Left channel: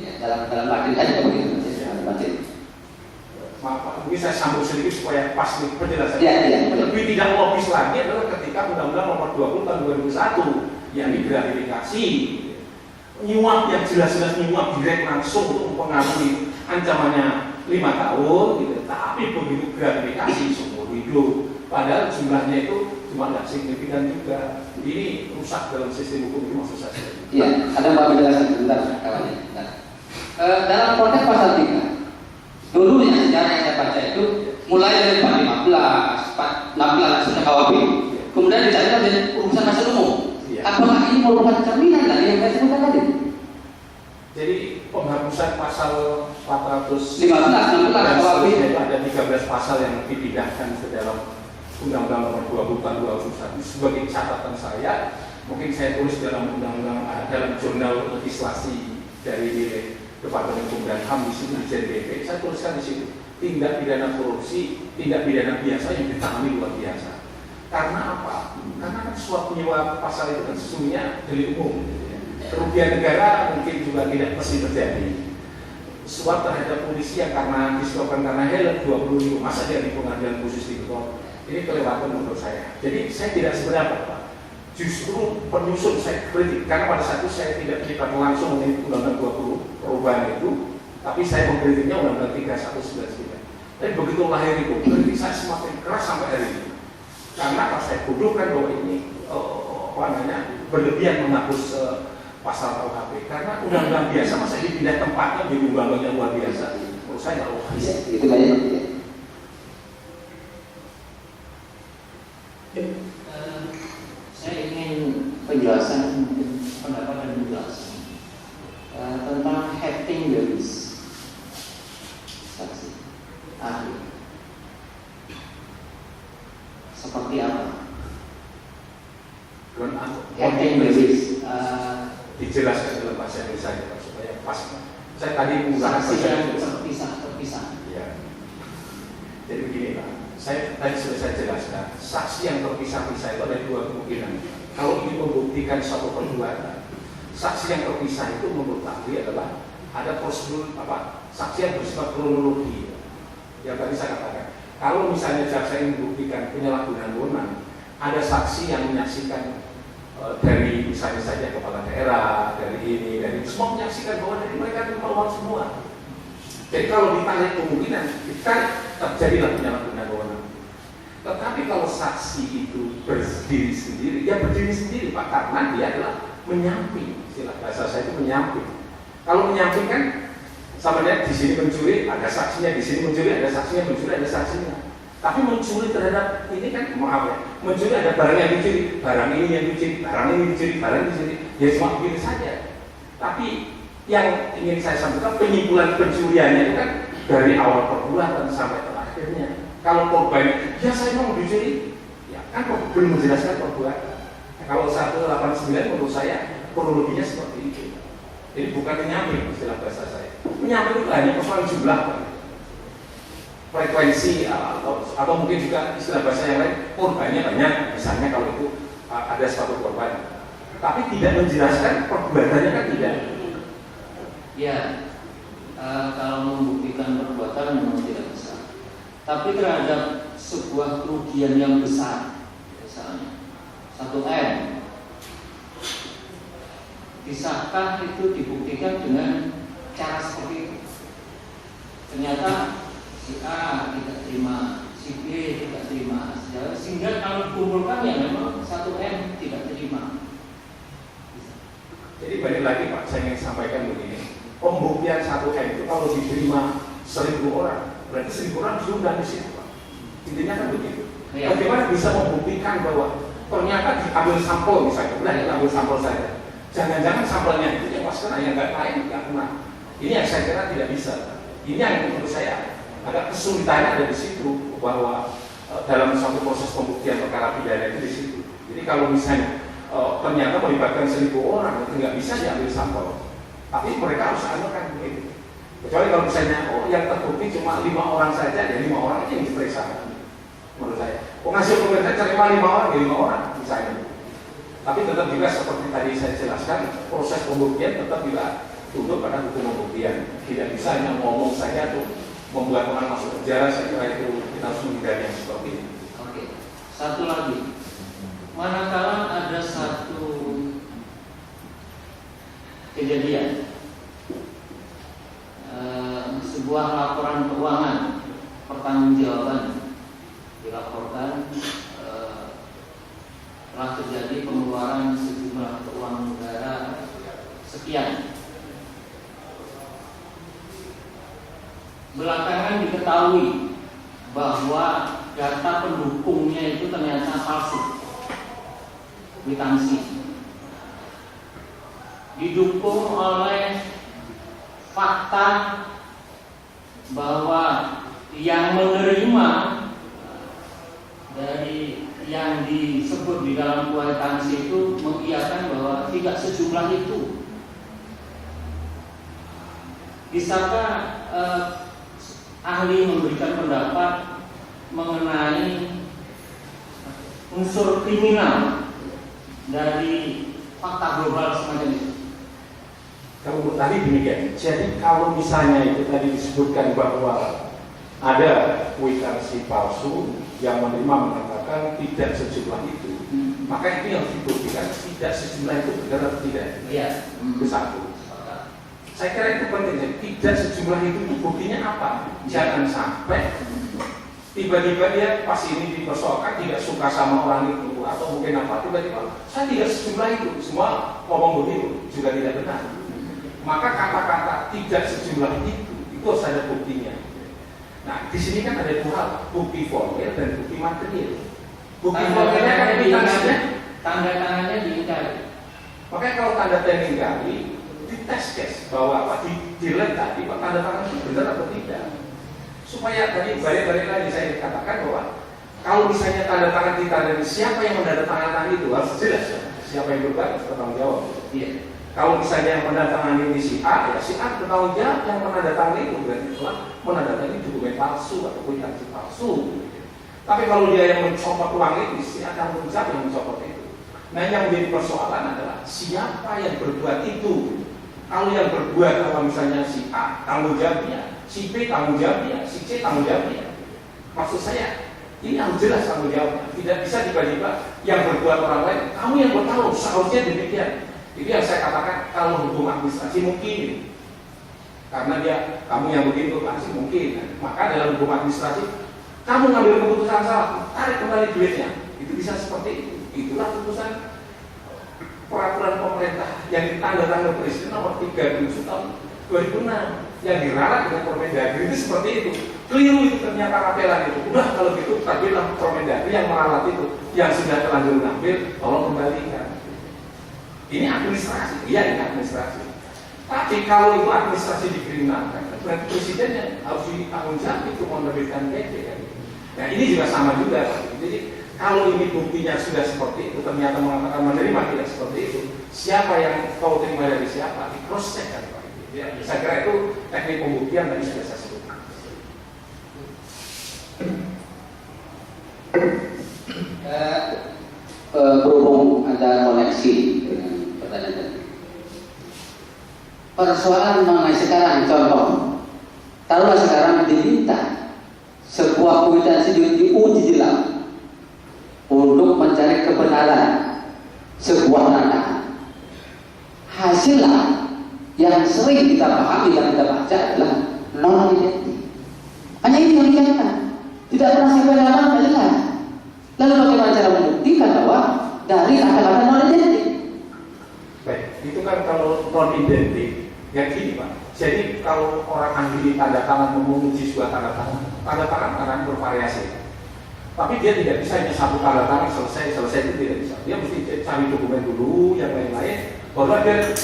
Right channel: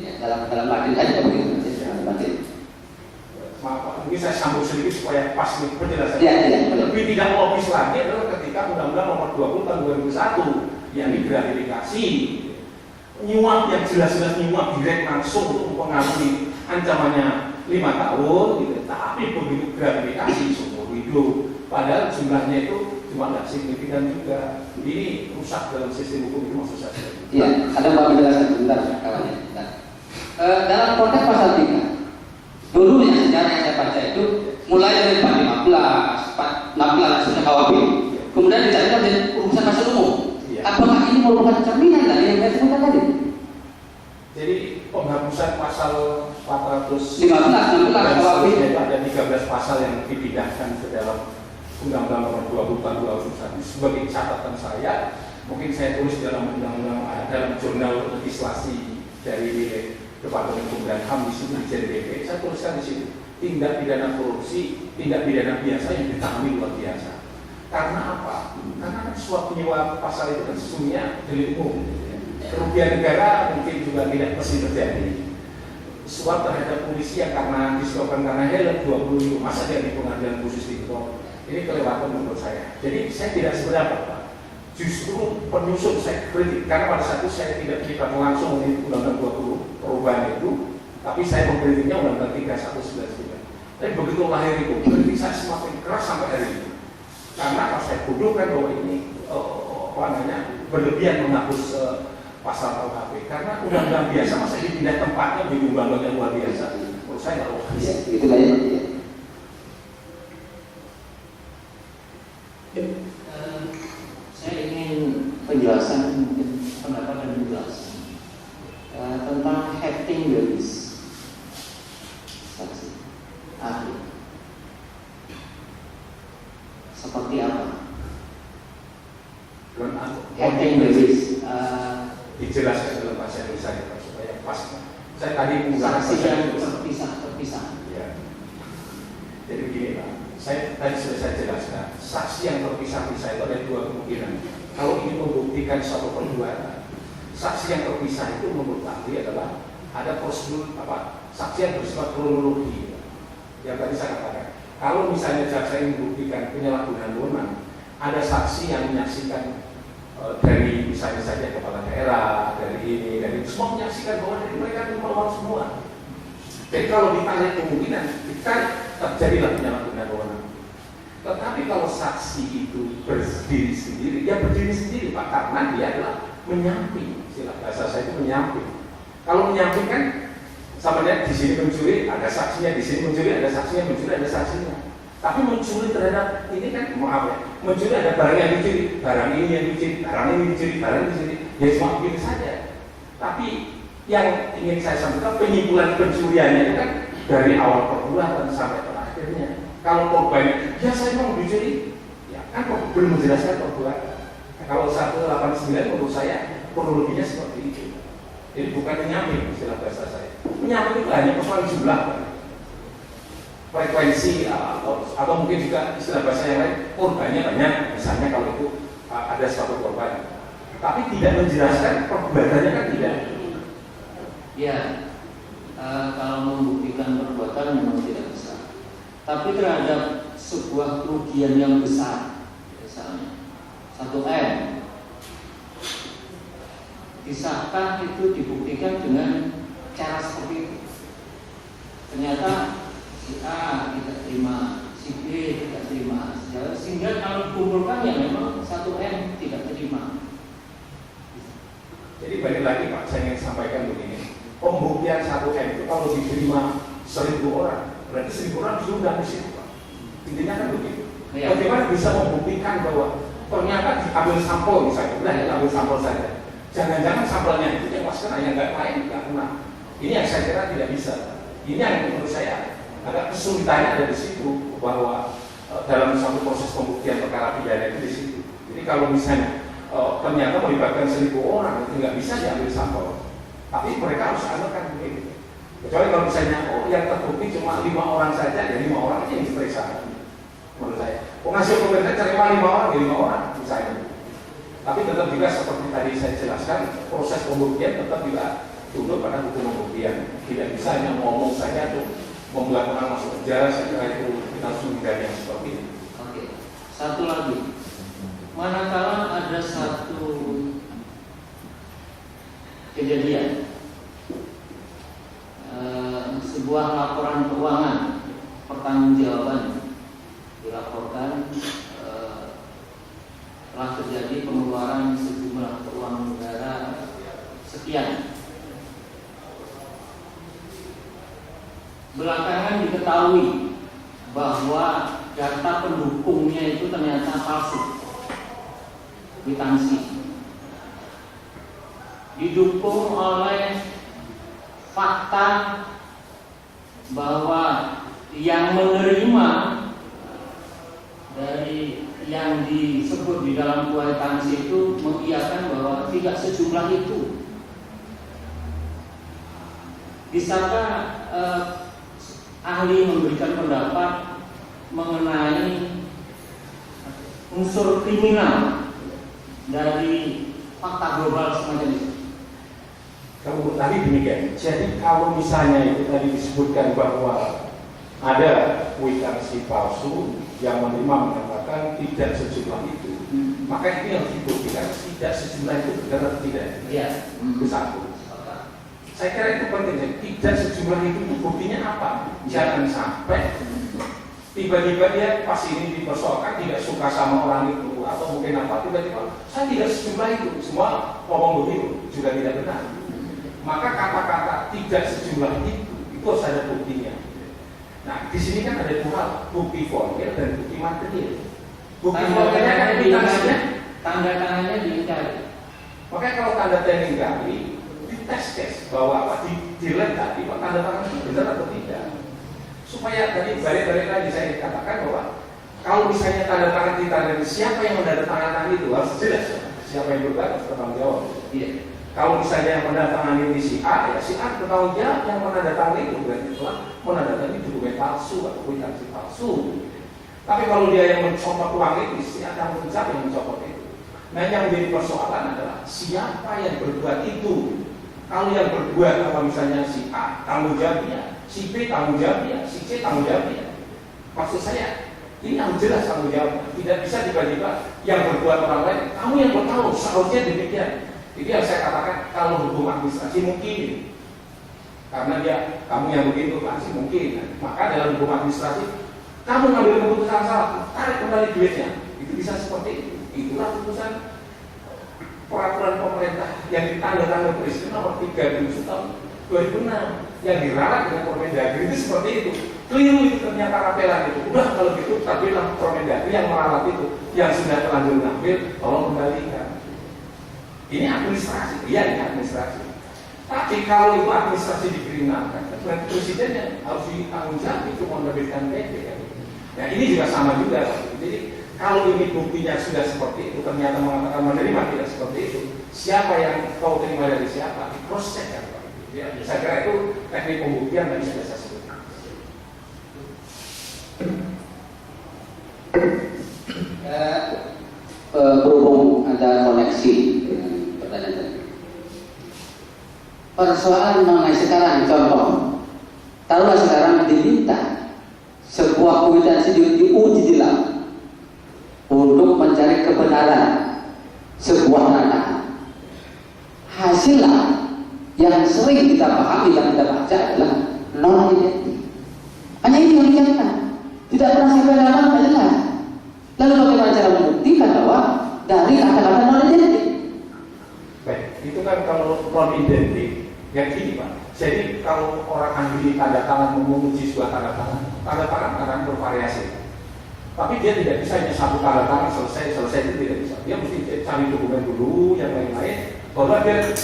Ya, dalam materi aja begitu, materi. Maaf Pak, mungkin saya sambung sedikit supaya pas nih penjelasan. Ya. Lebih tidak logis lagi adalah ketika Undang-Undang Nomor 20 Tahun 2001 yang digratifikasi nyuap yang jelas-jelas nyuap direct langsung untuk mempengaruhi ancamannya 5 tahun gitu. Tapi begitu gratifikasi seumur hidup, padahal jumlahnya itu cuma nggak signifikan juga. Ini rusak dalam sistem hukum itu maksud saya. Iya, ada mau penjelasan sebentar kawannya. Dalam konteks pasal 3 dulu yang sejarah yang saya baca itu mulai dari 415, 416 KUHP, kemudian dicarikan dari urusan pasal umum. Apakah ini merupakan cerminan dari yang saya sebutkan tadi? Jadi penghapusan pasal 415 KUHP itu ada 13 pasal yang dipindahkan ke dalam Undang-Undang Nomor 20 Tahun 2001. Sebagai catatan saya, mungkin saya tulis dalam undang-undang dalam jurnal legislasi dari Departemen Hukum dan HAM di situ di JDP, saya tuliskan di situ tindak pidana korupsi, tindak pidana biasa yang ditangani luar biasa. Karena apa? Karena kan suap penyuap pasal itu kan sesungguhnya delik umum. Kerugian negara mungkin juga tidak pasti terjadi. Suap terhadap polisi yang karena disebabkan karena helm 20.000, masa dia di pengadilan khusus di Kepulauan. Ini kelewatan menurut saya. Jadi saya tidak sependapat Pak. Justru penyusun saya kritik karena pada saat itu saya tidak terlibat langsung dengan Undang-Undang 20 perubahan itu, tapi saya mengkritiknya Undang-Undang 3193. Tapi begitu lahir itu, kritik saya semakin keras sampai hari ini. Karena kalau saya bodohkan bahwa ini berlebihan menghapus pasal KUHP. Karena undang-undang biasa masa dipindah tempatnya menjadi undang-undang yang luar biasa. Menurut saya nggak logis. Itu banyak. Saya ingin penjelasan, mungkin pendapat dan penjelasan tentang hafting juris saksi ahli seperti apa? Hafting juris dijelaskan dalam bahasa Indonesia Pak, supaya pas. Saya tadi menggunakan saksi bahasa yang Indonesia. terpisah. Ya. Jadi begini Pak, saya tadi sudah saya jelaskan, saksi yang terpisah-pisah itu ada dua kemungkinan. Kalau ingin membuktikan suatu perbuatan, saksi yang terpisah itu menurut ahli adalah ada prosedur saksi yang bersifat kronologi. Yang tadi saya katakan, kalau misalnya jaksa ingin membuktikan penyalahgunaan wewenang, ada saksi yang menyaksikan dari misalnya saja kepala daerah, dari ini, dari semua menyaksikan bahwa dari mereka itu melawan semua. Jadi kalau ditarik kemungkinan, kita terjadilah penyalahgunaan wewenang. Tetapi kalau saksi itu berdiri sendiri, dia berdiri sendiri Pak, karena dia adalah menyamping. Istilah bahasa saya itu menyamping. Kalau menyamping kan, sama dia di sini mencuri, ada saksinya, di sini mencuri, ada saksinya, mencuri, ada saksinya. Tapi mencuri terhadap ini kan, maaf ya, mencuri ada barang yang dicuri, barang ini yang dicuri, barang ini dicuri, barang ini dicuri, ya cuma begini saja. Tapi yang ingin saya sampaikan, penyimpulan pencuriannya itu kan dari awal perbuatan sampai terakhirnya. Kalau korbannya, ya saya mau dicuri, ya kan belum menjelaskan perbuatan. Nah, kalau 189 menurut saya kronologinya seperti itu. Jadi bukan menyamping istilah bahasa saya. Menyamping itu hanya persoalan jumlah, frekuensi atau mungkin juga istilah bahasa yang lain, korbannya banyak. Misalnya kalau itu ada suatu korban, tapi tidak menjelaskan perbuatannya kan tidak. Ya, kalau membuktikan perbuatan memang tidak bisa. Tapi terhadap sebuah kerugian yang besar, misalnya 1M, bisakah itu dibuktikan dengan cara seperti itu? Ternyata si A tidak terima, si B tidak terima, sehingga kalau dikumpulkan ya memang 1M tidak terima. Jadi balik lagi Pak, saya ingin sampaikan begini. Pembuktian 1M itu kalau diterima 1.000 orang, berarti 1.000 orang diundang di situ Pak. Intinya kan begitu. Ya. Bagaimana bisa membuktikan bahwa ternyata diambil sampel misalnya, udah ambil sampel saja. Jangan-jangan sampelnya itu yang pas kena, yang nggak lain nggak kena. Ini yang saya kira tidak bisa. Ini yang menurut saya agak kesulitannya ada di situ, bahwa dalam satu proses pembuktian perkara pidana itu di situ. Jadi kalau misalnya ternyata melibatkan 1.000 orang, itu nggak bisa diambil sampel. Tapi mereka harus anukan begitu. Kecuali kalau misalnya, yang terbukti cuma 5 orang saja, ya 5 orang aja yang diperiksa. Menurut saya, penghasil pemerintah terima 5 orang, ya 5 orang misalnya. Tapi tetap juga seperti tadi saya jelaskan, proses pembuktian tetap juga tunduk pada hukum pembuktian. Tidak bisa hanya ngomong saja atau membuat orang masuk penjara. Saya kira itu kita harus menghindari yang seperti ini. Oke, satu lagi. Manakala ada satu kejadian, sebuah laporan keuangan pertanggungjawaban dilaporkan telah terjadi pengeluaran sejumlah keuangan negara sekian. Belakangan diketahui bahwa data pendukungnya itu ternyata palsu, kwitansi, didukung oleh fakta bahwa yang menerima dari yang disebut di dalam kwitansi itu mengiyakan bahwa tidak sejumlah itu. Bisakah ahli memberikan pendapat mengenai unsur kriminal dari fakta global semacam itu? Kalau tadi demikian, jadi kalau misalnya itu tadi disebutkan bahwa ada kwitansi palsu yang menerima mengatakan tidak sejumlah itu, maka ini harus dibuktikan tidak sejumlah itu benar atau tidak. Iya. Itu satu. Saya kira itu penting. Tidak sejumlah itu buktinya apa? Jangan sampai tiba-tiba dia pas ini dipersoalkan tidak suka sama orang itu atau mungkin apa, tiba-tiba saya tidak sejumlah itu, semua ngomong begitu juga tidak benar. Maka kata-kata tidak sejumlah itu harus ada buktinya. Nah, di sini kan ada dua hal, bukti formil dan bukti material. Bukti formilnya kan kwitansinya, tanda tangannya diingkari. Makanya kalau tanda tangan diingkari, dites bahwa apa dilihat tadi pak tanda tangan itu benar atau tidak. Supaya tadi balik-balik lagi saya katakan bahwa kalau misalnya tanda tangan ditandai, siapa yang menandatangani itu harus jelas ya. Siapa yang berbuat harus bertanggung jawab. Iya. Kalau misalnya yang menandatangani di si A, ya si A bertanggung jawab yang menandatangani itu berarti telah menandatangani dokumen palsu atau kwitansi palsu. Tapi kalau dia yang mencopot uang itu, si A tanggung jawab yang mencopot itu. Nah yang menjadi persoalan adalah siapa yang berbuat itu. Kalau yang berbuat apa misalnya si A tanggung jawabnya, si B tanggung jawabnya, si C tanggung jawabnya. Maksud saya ini harus jelas tanggung jawabnya. Tidak bisa tiba-tiba yang berbuat orang lain, kamu yang bertahu seharusnya demikian. Jadi yang saya katakan kalau hukum administrasi mungkin, karena dia kamu yang begitu pasti mungkin. Maka dalam hukum administrasi kamu ngambil keputusan salah, tarik kembali duitnya. Itu bisa seperti itu. Itulah keputusan peraturan pemerintah yang ditandatangani Presiden nomor 37 tahun 2006 yang diralat dengan Permendagri itu seperti itu. Keliru itu ternyata rapelan itu. Udah kalau gitu tampillah Permendagri yang meralat itu, yang sudah terlanjur ngambil tolong kembalikan. Ini administrasi, iya ini administrasi. Tapi kalau itu administrasi dikriminalkan, berarti presiden yang harus ditanggung jawab itu menerbitkan PP kan. Nah ini juga sama juga. Jadi kalau ini buktinya sudah seperti itu, ternyata mengatakan menerima tidak seperti itu, siapa yang kau terima dari siapa? Diproses kan Pak. Ya, saya kira itu teknik pembuktian tadi sudah saya sebutkan. Berhubung ada koneksi dengan pertanyaan tadi. Persoalan mengenai sekarang, contoh, taruhlah sekarang diminta sebuah kwitansi diuji di lab untuk mencari kebenaran sebuah data. Hasilnya yang sering kita pahami dan kita baca adalah non identik. Hanya itu yang dikatakan, tidak pernah sampai dalam jelas. Lalu bagaimana cara membuktikan bahwa dari kata-kata non identik? Baik, itu kan kalau non identik yang gini Pak. Jadi kalau orang ahli tanda tangan menguji sebuah tanda tangan akan bervariasi. Tapi dia tidak bisa hanya satu tanda tangan selesai itu tidak bisa. Dia mesti cari dokumen dulu, yang lain-lain. Baru dia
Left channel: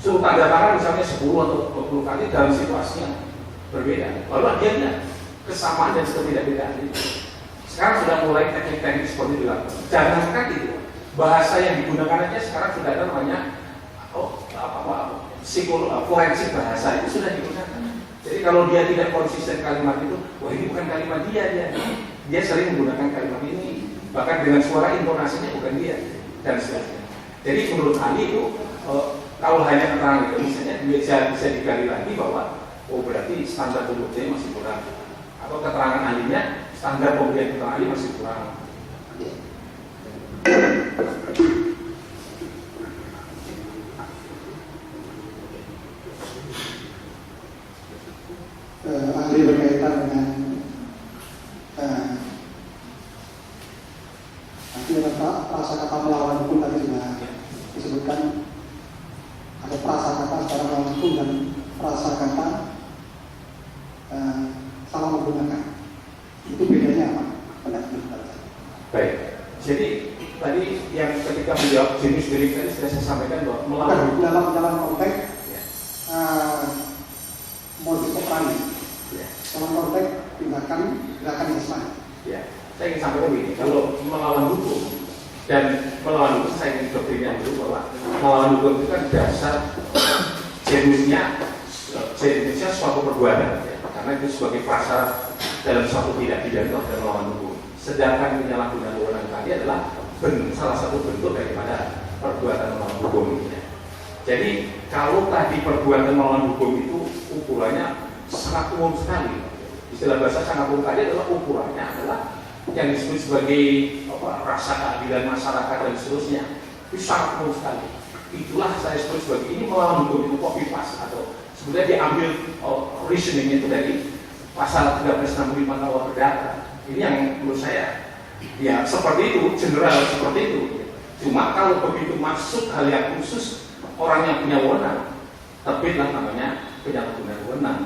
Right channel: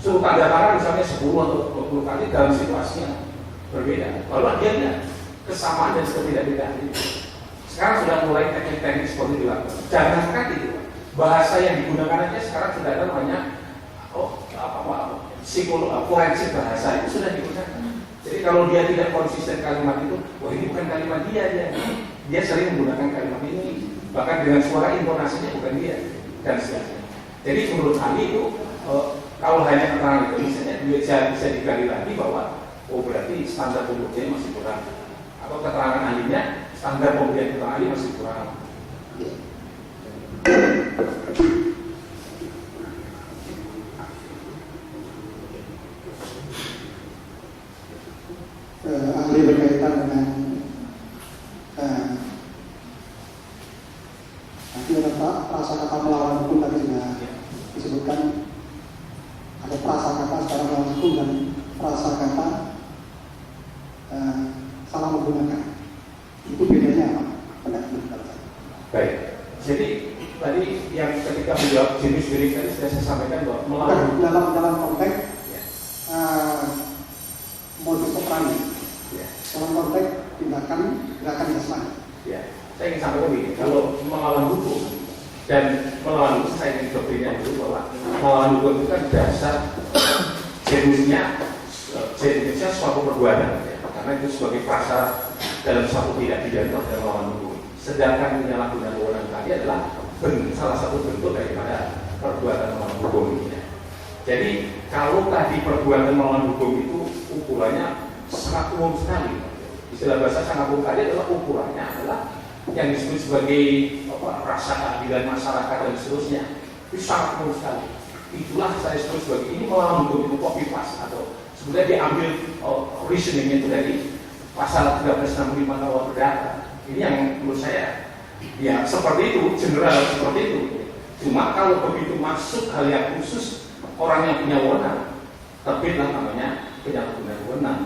suruh tanda tangan misalnya 10 atau 20 kali dalam situasinya berbeda. Baru dia lihat kesamaan dan ketidak-bedaan itu. Sekarang sudah mulai teknik-teknik seperti itu dilakukan. Jangankan itu, bahasa yang digunakan aja sekarang sudah ada namanya forensik bahasa itu sudah digunakan. Jadi kalau dia tidak konsisten kalimat itu, wah ini bukan kalimat dia sering menggunakan kalimat ini, bahkan dengan suara intonasinya bukan dia dan sebagainya. Jadi menurut ahli itu kalau hanya keterangan itu misalnya bisa digali lagi bahwa oh berarti standar pembuktian masih kurang, atau keterangan ahlinya standar pembuktian keterangan ahli masih kurang. Ahli berkaitan dengan nanti ada prasakata melawan hukum tadi sudah disebutkan, ada prasakata secara melawan hukum dan prasakata salah menggunakan. Itu bedanya apa? Baik, jadi tadi yang ketika menjawab jenis delik tadi sudah saya sampaikan bahwa melawan dalam konteks ya. modus operandi, Ya. dalam konteks gerakan Islam. Ya, saya ingin sampaikan begini, kalau melawan hukum dan melawan hukum saya ingin doktrinnya dulu bahwa melawan hukum itu kan dasar jenisnya suatu perbuatan, ya. Karena itu sebagai prasyarat dalam suatu tindak pidana dan melawan hukum. Sedangkan penyalahgunaan wewenang tadi adalah salah satu bentuk daripada perbuatan melawan hukum. Ya. Jadi kalau tadi perbuatan melawan hukum itu ukurannya sangat umum sekali. Istilah bahasa sangat umum tadi adalah ukurannya adalah yang disebut sebagai rasa keadilan masyarakat dan seterusnya. Itu sangat umum sekali. Itulah saya sebut sebagai ini melawan hukum itu copy paste atau sebenarnya diambil reasoning itu dari pasal 1365 KUH Perdata. Ini yang menurut saya ya seperti itu, general seperti itu. Cuma kalau begitu masuk hal yang khusus orang yang punya wewenang, terbitlah namanya penyalahgunaan wewenang.